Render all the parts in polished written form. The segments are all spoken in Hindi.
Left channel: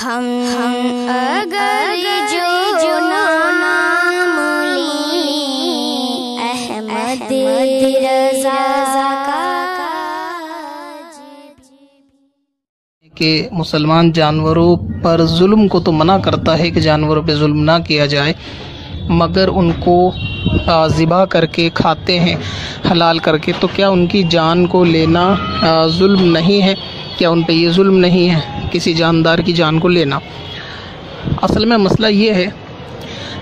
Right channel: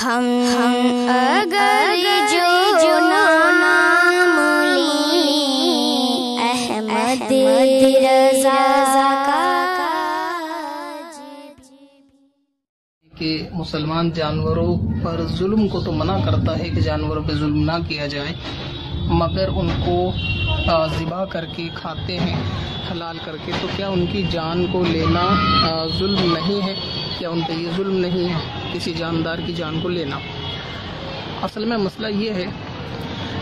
हम अगर जो नाम लें अहमद रज़ा का कि मुसलमान जानवरों पर जुल्म को तो मना करता है कि जानवरों पे जुल्म ना किया जाए, मगर उनको ज़िबा करके खाते हैं हलाल करके, तो क्या उनकी जान को लेना जुल्म नहीं है? क्या उन पे ये जुल्म नहीं है किसी जानदार की जान को लेना? असल में मसला ये है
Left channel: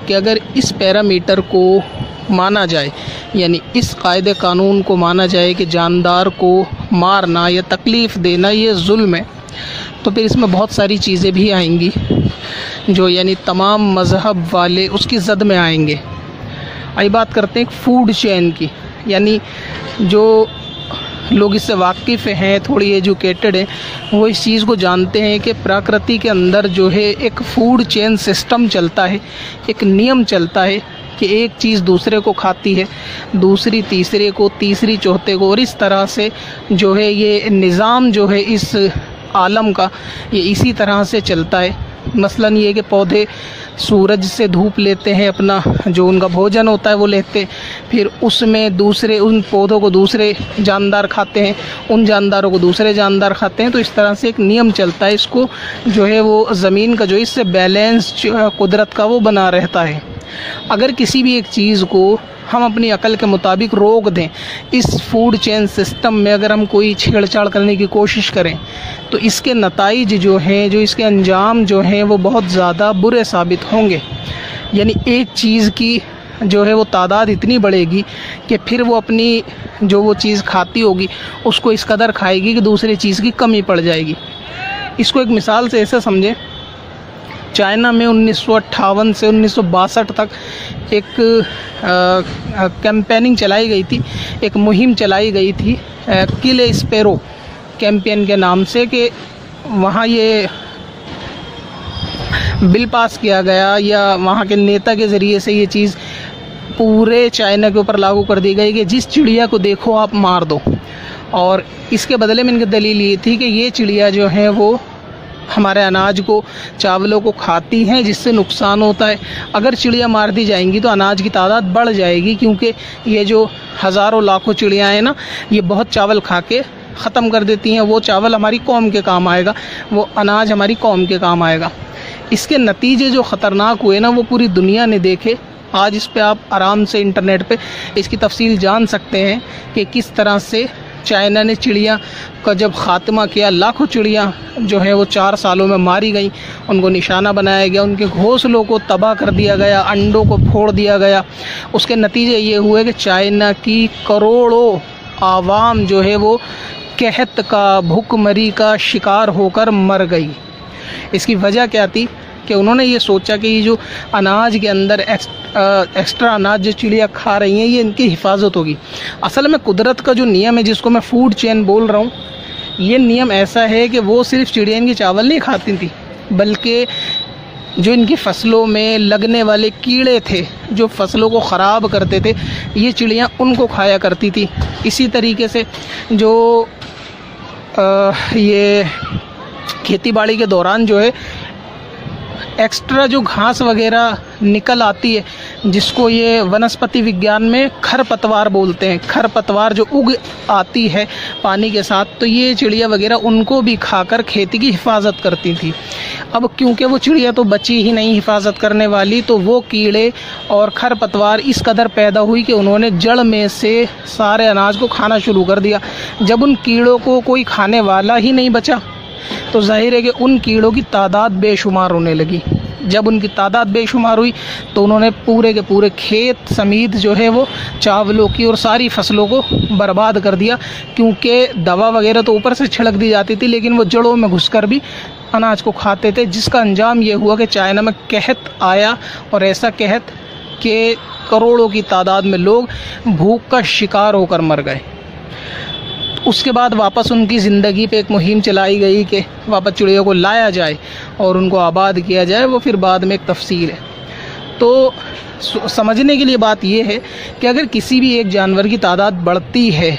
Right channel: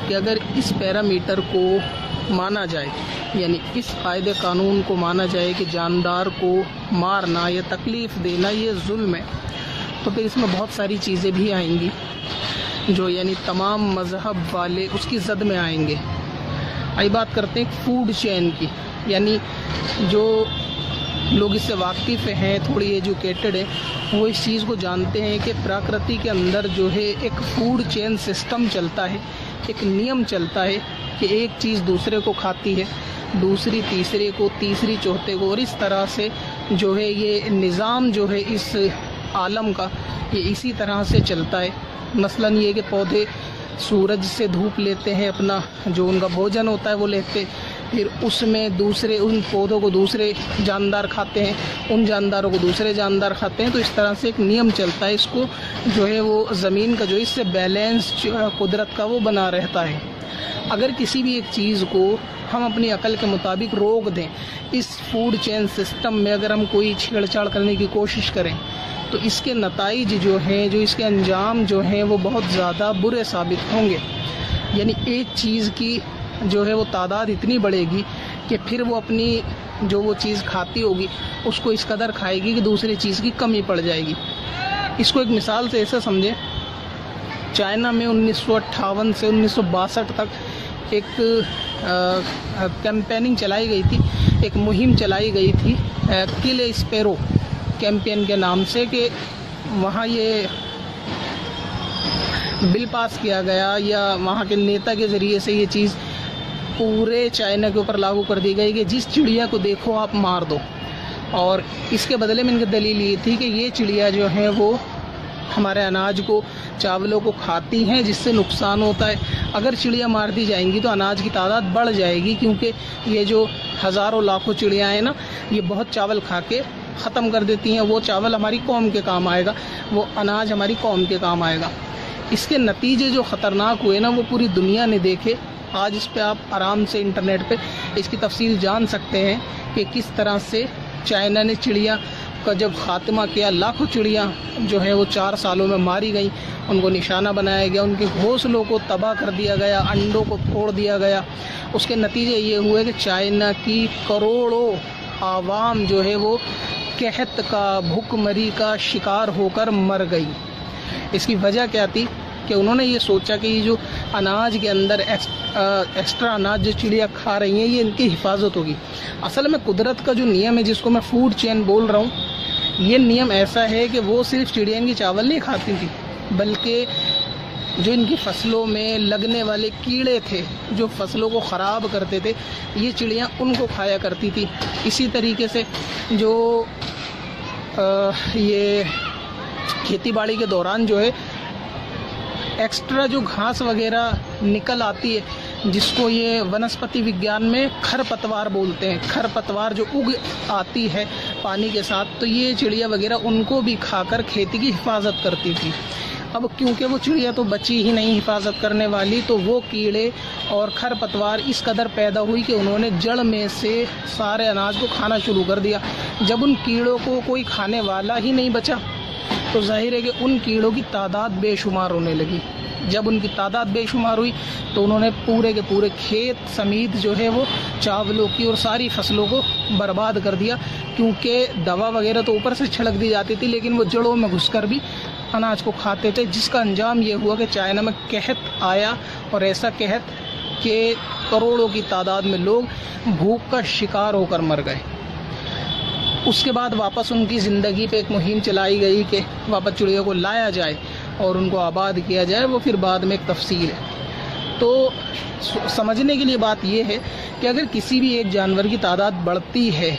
कि अगर इस पैरामीटर को माना जाए, यानी इस कायदे कानून को माना जाए कि जानदार को मारना या तकलीफ़ देना ये जुल्म है, तो फिर इसमें बहुत सारी चीज़ें भी आएंगी जो यानी तमाम मज़हब वाले उसकी ज़द में आएंगे। आई बात करते हैं फूड चेन की, यानी जो लोग इससे वाकिफ़ हैं, थोड़ी एजुकेटेड हैं, वो इस चीज़ को जानते हैं कि प्रकृति के अंदर जो है एक फूड चेन सिस्टम चलता है, एक नियम चलता है कि एक चीज़ दूसरे को खाती है, दूसरी तीसरे को, तीसरी चौथे को, और इस तरह से जो है ये निज़ाम जो है इस आलम का ये इसी तरह से चलता है। मसलन ये कि पौधे सूरज से धूप लेते हैं, अपना जो उनका भोजन होता है वो लेते, फिर उसमें दूसरे उन पौधों को दूसरे जानदार खाते हैं, उन जानदारों को दूसरे जानदार खाते हैं। तो इस तरह से एक नियम चलता है, इसको जो है वो ज़मीन का जो इससे बैलेंस कुदरत का वो बना रहता है। अगर किसी भी एक चीज़ को हम अपनी अकल के मुताबिक रोक दें, इस फूड चेन सिस्टम में अगर हम कोई छेड़छाड़ करने की कोशिश करें, तो इसके नताइज जो हैं, जो इसके अंजाम जो हैं, वो बहुत ज़्यादा बुरे साबित होंगे। यानी एक चीज़ की जो है वो तादाद इतनी बढ़ेगी कि फिर वो अपनी जो वो चीज़ खाती होगी उसको इस कदर खाएगी कि दूसरी चीज़ की कमी पड़ जाएगी। इसको एक मिसाल से ऐसे समझें, चाइना में 1958 से 1962 तक एक कैंपेनिंग चलाई गई थी, एक मुहिम चलाई गई थी किल ए स्पैरो कैंपेन के नाम से, कि वहाँ ये बिल पास किया गया या वहाँ के नेता के ज़रिए से ये चीज़ पूरे चाइना के ऊपर लागू कर दी गई कि जिस चिड़िया को देखो आप मार दो। और इसके बदले में इनकी दलील ये थी कि ये चिड़िया जो है वो हमारे अनाज को, चावलों को खाती हैं, जिससे नुकसान होता है। अगर चिड़िया मार दी जाएंगी तो अनाज की तादाद बढ़ जाएगी, क्योंकि ये जो हज़ारों लाखों चिड़ियाँ हैं ना, ये बहुत चावल खा के ख़त्म कर देती हैं। वो चावल हमारी कौम के काम आएगा, वो अनाज हमारी कौम के काम आएगा। इसके नतीजे जो ख़तरनाक हुए ना, वो पूरी दुनिया ने देखे। आज इस पे आप आराम से इंटरनेट पे इसकी तफसील जान सकते हैं कि किस तरह से चाइना ने चिड़िया का जब ख़ात्मा किया। लाखों चिड़िया जो है वो 4 सालों में मारी गई, उनको निशाना बनाया गया, उनके घोंसलों को तबाह कर दिया गया, अंडों को फोड़ दिया गया। उसके नतीजे ये हुए कि चाइना की करोड़ों आवाम जो है वो कहत का, भूखमरी का शिकार होकर मर गई। इसकी वजह क्या थी कि उन्होंने ये सोचा कि ये जो अनाज के अंदर एक्स्ट्रा अनाज जो चिड़िया खा रही हैं, ये इनकी हिफाजत होगी। असल में कुदरत का जो नियम है, जिसको मैं फूड चेन बोल रहा हूँ, ये नियम ऐसा है कि वो सिर्फ चिड़िया इनकी चावल नहीं खाती थी, बल्कि जो इनकी फसलों में लगने वाले कीड़े थे, जो फसलों को ख़राब करते थे, ये चिड़िया उनको खाया करती थी। इसी तरीके से जो ये खेती बाड़ी के दौरान जो है एक्स्ट्रा जो घास वगैरह निकल आती है, जिसको ये वनस्पति विज्ञान में खरपतवार बोलते हैं, खरपतवार जो उग आती है पानी के साथ, तो ये चिड़िया वगैरह उनको भी खाकर खेती की हिफाजत करती थी। अब क्योंकि वो चिड़िया तो बची ही नहीं हिफाजत करने वाली, तो वो कीड़े और खरपतवार इस कदर पैदा हुई कि उन्होंने जड़ में से सारे अनाज को खाना शुरू कर दिया। जब उन कीड़ों को कोई खाने वाला ही नहीं बचा, तो जाहिर है कि उन कीड़ों की तादाद बेशुमार होने लगी। जब उनकी तादाद बेशुमार हुई तो उन्होंने पूरे के पूरे खेत समेत जो है वो चावलों की और सारी फसलों को बर्बाद कर दिया, क्योंकि दवा वगैरह तो ऊपर से छिड़क दी जाती थी, लेकिन वो जड़ों में घुसकर भी अनाज को खाते थे, जिसका अंजाम ये हुआ कि चाइना में कहत आया, और ऐसा कहत कि करोड़ों की तादाद में लोग भूख का शिकार होकर मर गए। उसके बाद वापस उनकी ज़िंदगी पे एक मुहिम चलाई गई कि वापस चिड़ियों को लाया जाए और उनको आबाद किया जाए। वो फिर बाद में एक तफसील है। तो समझने के लिए बात यह है कि अगर किसी भी एक जानवर की तादाद बढ़ती है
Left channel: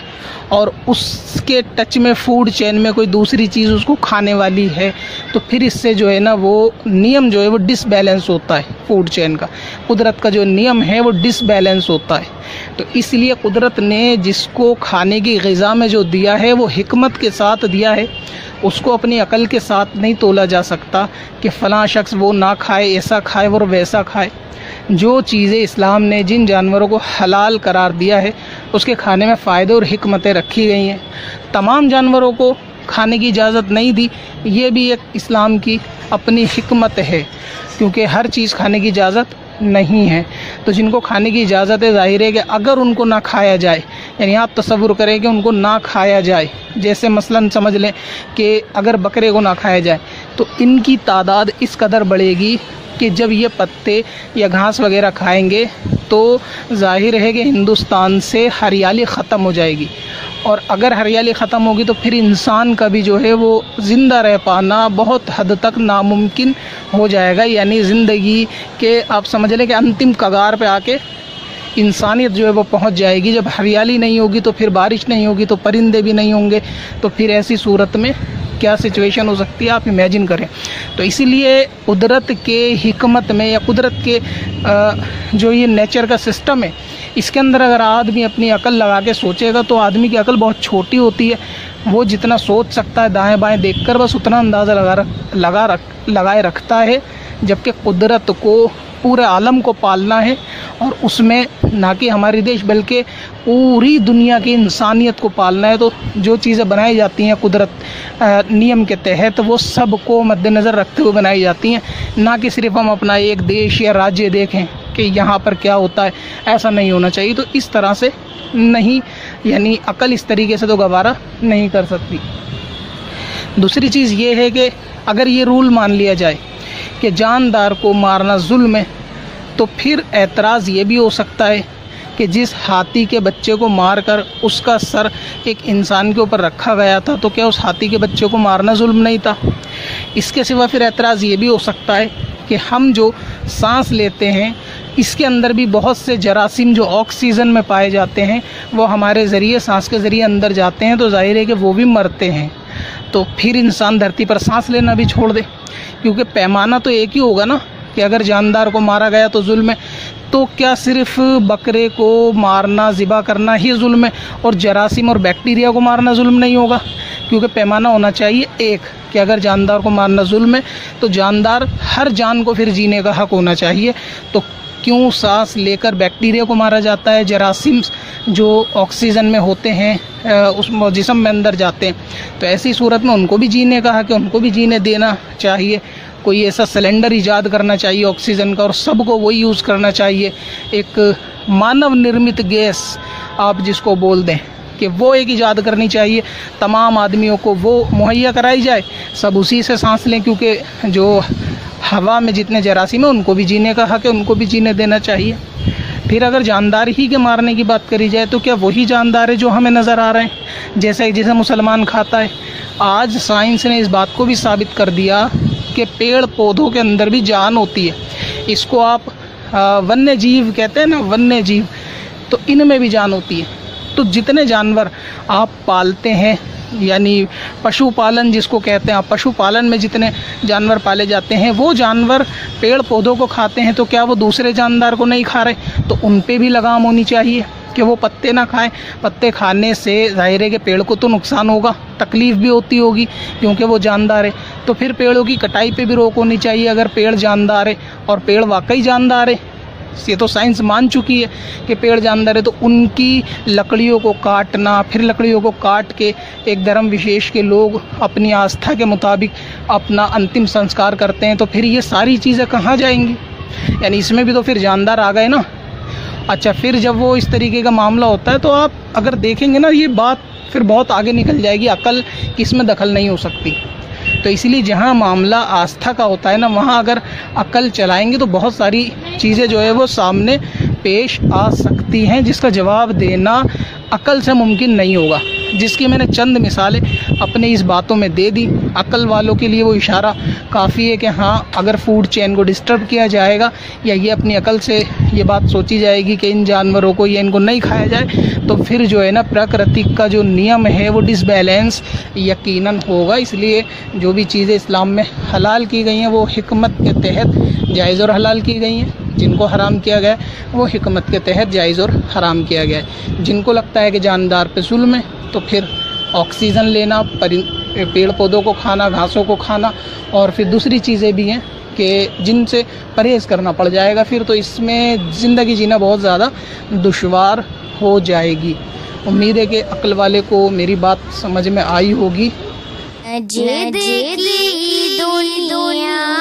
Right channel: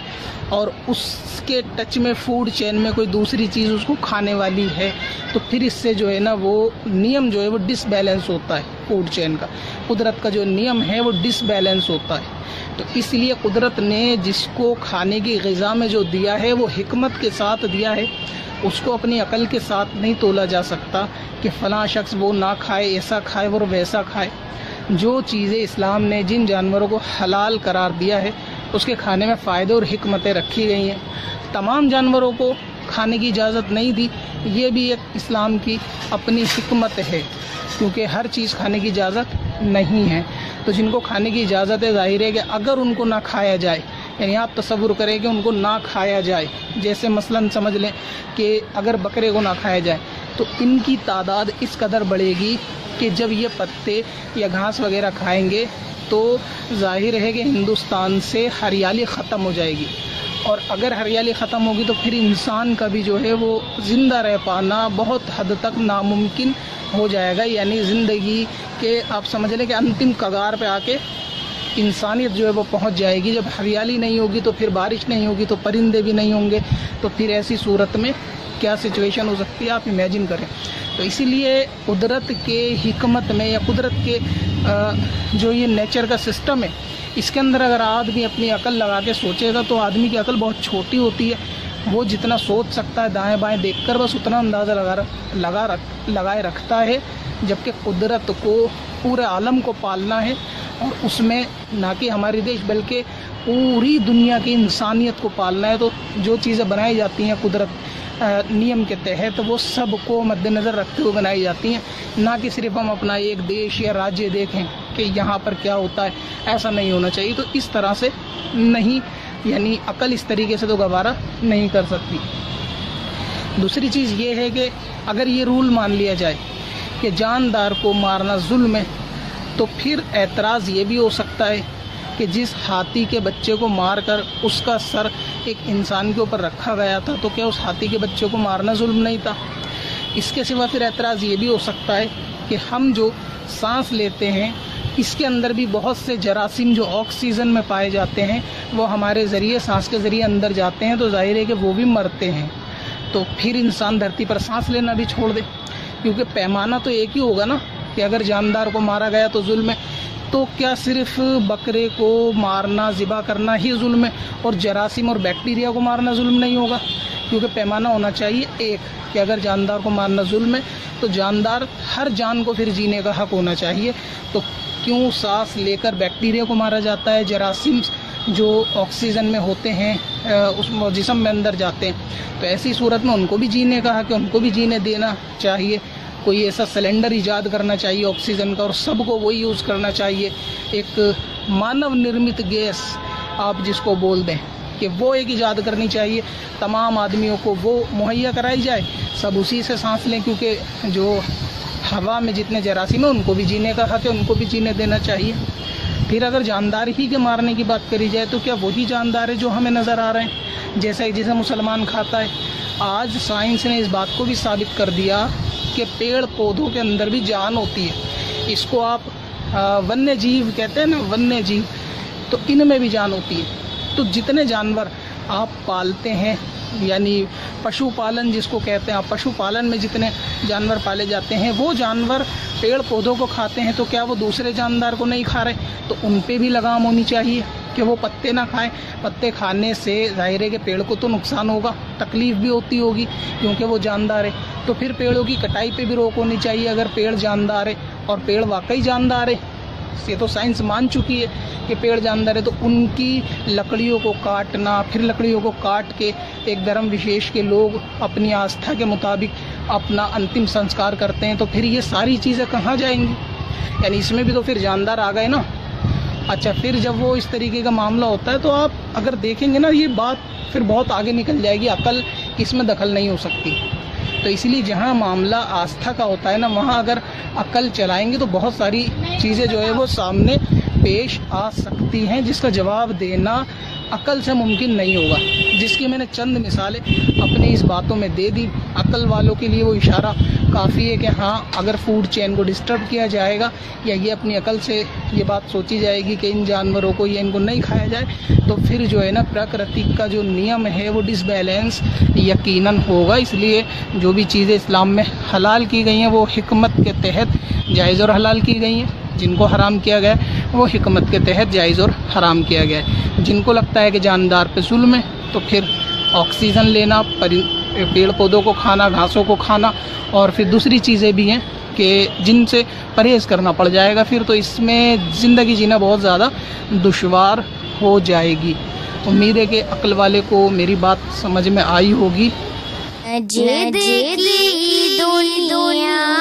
और उसके टच में फूड चेन में कोई दूसरी चीज़ उसको खाने वाली है, तो फिर इससे जो है ना वो नियम जो है वो डिसबैलेंस होता है। फूड चेन का कुदरत का जो नियम है वो डिसबैलेंस होता है। तो इसलिए कुदरत ने जिसको खाने की ग़िज़ा में जो दिया है वो हिकमत के साथ दिया है, उसको अपनी अकल के साथ नहीं तोला जा सकता कि फ़लाँ शख्स वो ना खाए, ऐसा खाए, वो वैसा खाए। जो चीज़ें इस्लाम ने जिन जानवरों को हलाल करार दिया है उसके खाने में फ़ायदे और हिकमतें रखी गई हैं। तमाम जानवरों को खाने की इजाज़त नहीं दी, ये भी एक इस्लाम की अपनी हिकमत है, क्योंकि हर चीज़ खाने की इजाज़त नहीं है। तो जिनको खाने की इजाज़त है, ज़ाहिर है कि अगर उनको ना खाया जाए, यानी आप तसव्वुर करें कि उनको ना खाया जाए, जैसे मसलन समझ लें कि अगर बकरे को ना खाया जाए तो इनकी तादाद इस कदर बढ़ेगी कि जब ये पत्ते या घास वगैरह खाएंगे तो जाहिर है कि हिंदुस्तान से हरियाली ख़त्म हो जाएगी, और अगर हरियाली ख़त्म होगी तो फिर इंसान का भी जो है वो ज़िंदा रह पाना बहुत हद तक नामुमकिन हो जाएगा। यानी ज़िंदगी के आप समझ लें कि अंतिम कगार पे आके इंसानियत जो है वो पहुंच जाएगी। जब हरियाली नहीं होगी तो फिर बारिश नहीं होगी, तो परिंदे भी नहीं होंगे, तो फिर ऐसी सूरत में क्या सिचुएशन हो सकती है आप इमेजिन करें। तो इसीलिए कुदरत के हिकमत में या कुदरत के जो ये नेचर का सिस्टम है, इसके अंदर अगर आदमी अपनी अकल लगा के सोचेगा तो आदमी की अकल बहुत छोटी होती है। वो जितना सोच सकता है दाएं बाएं देखकर बस उतना अंदाज़ा लगाए रखता है, जबकि कुदरत को पूरे आलम को पालना है, और उसमें ना कि हमारे देश बल्कि पूरी दुनिया की इंसानियत को पालना है। तो जो चीज़ें बनाई जाती हैं कुदरत नियम के तहत वो सब को मद्देनज़र रखते हुए बनाई जाती हैं, ना कि सिर्फ हम अपना एक देश या राज्य देखें कि यहाँ पर क्या होता है। ऐसा नहीं होना चाहिए। तो इस तरह से नहीं, यानी अकल इस तरीके से तो गवारा नहीं कर सकती। दूसरी चीज़ ये है कि अगर ये रूल मान लिया जाए कि जानदार को मारना जुल्म है, तो फिर एतराज़ ये भी हो सकता है कि जिस हाथी के बच्चे को मारकर उसका सर एक इंसान के ऊपर रखा गया था, तो क्या उस हाथी के बच्चे को मारना जुल्म नहीं था। इसके सिवा फिर एतराज़ ये भी हो सकता है कि हम जो सांस लेते हैं इसके अंदर भी बहुत से जरासीम जो ऑक्सीजन में पाए जाते हैं वो हमारे ज़रिए सांस के ज़रिए अंदर जाते हैं, तो जाहिर है कि वो भी मरते हैं। तो फिर इंसान धरती पर सांस लेना भी छोड़ दे, क्योंकि पैमाना तो एक ही होगा ना कि अगर जानदार को मारा गया तो जुल्म है, तो क्या सिर्फ बकरे को मारना ज़िबा करना ही जुल्म है और जरासीम और बैक्टीरिया को मारना जुल्म नहीं होगा? क्योंकि पैमाना होना चाहिए एक कि अगर जानदार को मारना जुल्म है तो जानदार हर जान को फिर जीने का हक होना चाहिए। तो क्यों सांस लेकर बैक्टीरिया को मारा जाता है, जरासीम जो ऑक्सीजन में होते हैं उस जिस्म में अंदर जाते हैं, तो ऐसी सूरत में उनको भी जीने का हक है, उनको भी जीने देना चाहिए। कोई ऐसा सिलेंडर इजाद करना चाहिए ऑक्सीजन का और सबको वही यूज़ करना चाहिए। एक मानव निर्मित गैस आप जिसको बोल दें कि वो एक इजाद करनी चाहिए, तमाम आदमियों को वो मुहैया कराई जाए, सब उसी से सांस लें, क्योंकि जो हवा में जितने जरासीम हैं उनको भी जीने का हक है, उनको भी जीने देना चाहिए। फिर अगर जानदार ही के मारने की बात करी जाए तो क्या वही जानदार है जो हमें नज़र आ रहे हैं जैसे मुसलमान खाता है? आज साइंस ने इस बात को भी साबित कर दिया कि पेड़ पौधों के अंदर भी जान होती है। इसको आप वन्य जीव कहते हैं ना, वन्य जीव, तो इनमें भी जान होती है। तो जितने जानवर आप पालते हैं, यानी पशुपालन जिसको कहते हैं, आप पशुपालन में जितने जानवर पाले जाते हैं वो जानवर पेड़ पौधों को खाते हैं, तो क्या वो दूसरे जानदार को नहीं खा रहे? तो उन पे भी लगाम होनी चाहिए कि वो पत्ते ना खाएं। पत्ते खाने से जाहिर है कि पेड़ को तो नुकसान होगा, तकलीफ़ भी होती होगी क्योंकि वो जानदार है। तो फिर पेड़ों की कटाई पे भी रोक होनी चाहिए अगर पेड़ जानदार है, और पेड़ वाकई जानदार है, ये तो साइंस मान चुकी है कि पेड़ जानदार है। तो उनकी लकड़ियों को काटना, फिर लकड़ियों को काट के एक धर्म विशेष के लोग अपनी आस्था के मुताबिक अपना अंतिम संस्कार करते हैं, तो फिर ये सारी चीज़ें कहाँ जाएंगी? यानी इसमें भी तो फिर जानदार आ गए ना। अच्छा, फिर जब वो इस तरीके का मामला होता है तो आप अगर देखेंगे ना, ये बात फिर बहुत आगे निकल जाएगी, अकल इसमें दखल नहीं हो सकती। तो इसीलिए जहाँ मामला आस्था का होता है ना, वहाँ अगर अकल चलाएंगे तो बहुत सारी चीज़ें जो है वो सामने पेश आ सकती हैं जिसका जवाब देना अकल से मुमकिन नहीं होगा। जिसकी मैंने चंद मिसालें अपने इस बातों में दे दी। अक्ल वालों के लिए वो इशारा काफ़ी है कि हाँ, अगर फूड चेन को डिस्टर्ब किया जाएगा या ये अपनी अकल से ये बात सोची जाएगी कि इन जानवरों को या इनको नहीं खाया जाए, तो फिर जो है ना प्रकृति का जो नियम है वो डिसबैलेंस यकीनन होगा। इसलिए जो भी चीज़ें इस्लाम में हलाल की गई हैं वो हिकमत के तहत जायज़ और हलाल की गई हैं। जिनको हराम किया गया है वो हिकमत के तहत जायज़ और हराम किया गया है। जिनको लगता है कि जानदार पे जुल्म है तो फिर ऑक्सीजन लेना, पेड़ पौधों को खाना, घासों को खाना और फिर दूसरी चीज़ें भी हैं कि जिनसे परहेज़ करना पड़ जाएगा। फिर तो इसमें ज़िंदगी जीना बहुत ज़्यादा दुश्वार हो जाएगी। उम्मीद है कि अक्ल वाले को मेरी बात समझ में आई होगी। दुनिया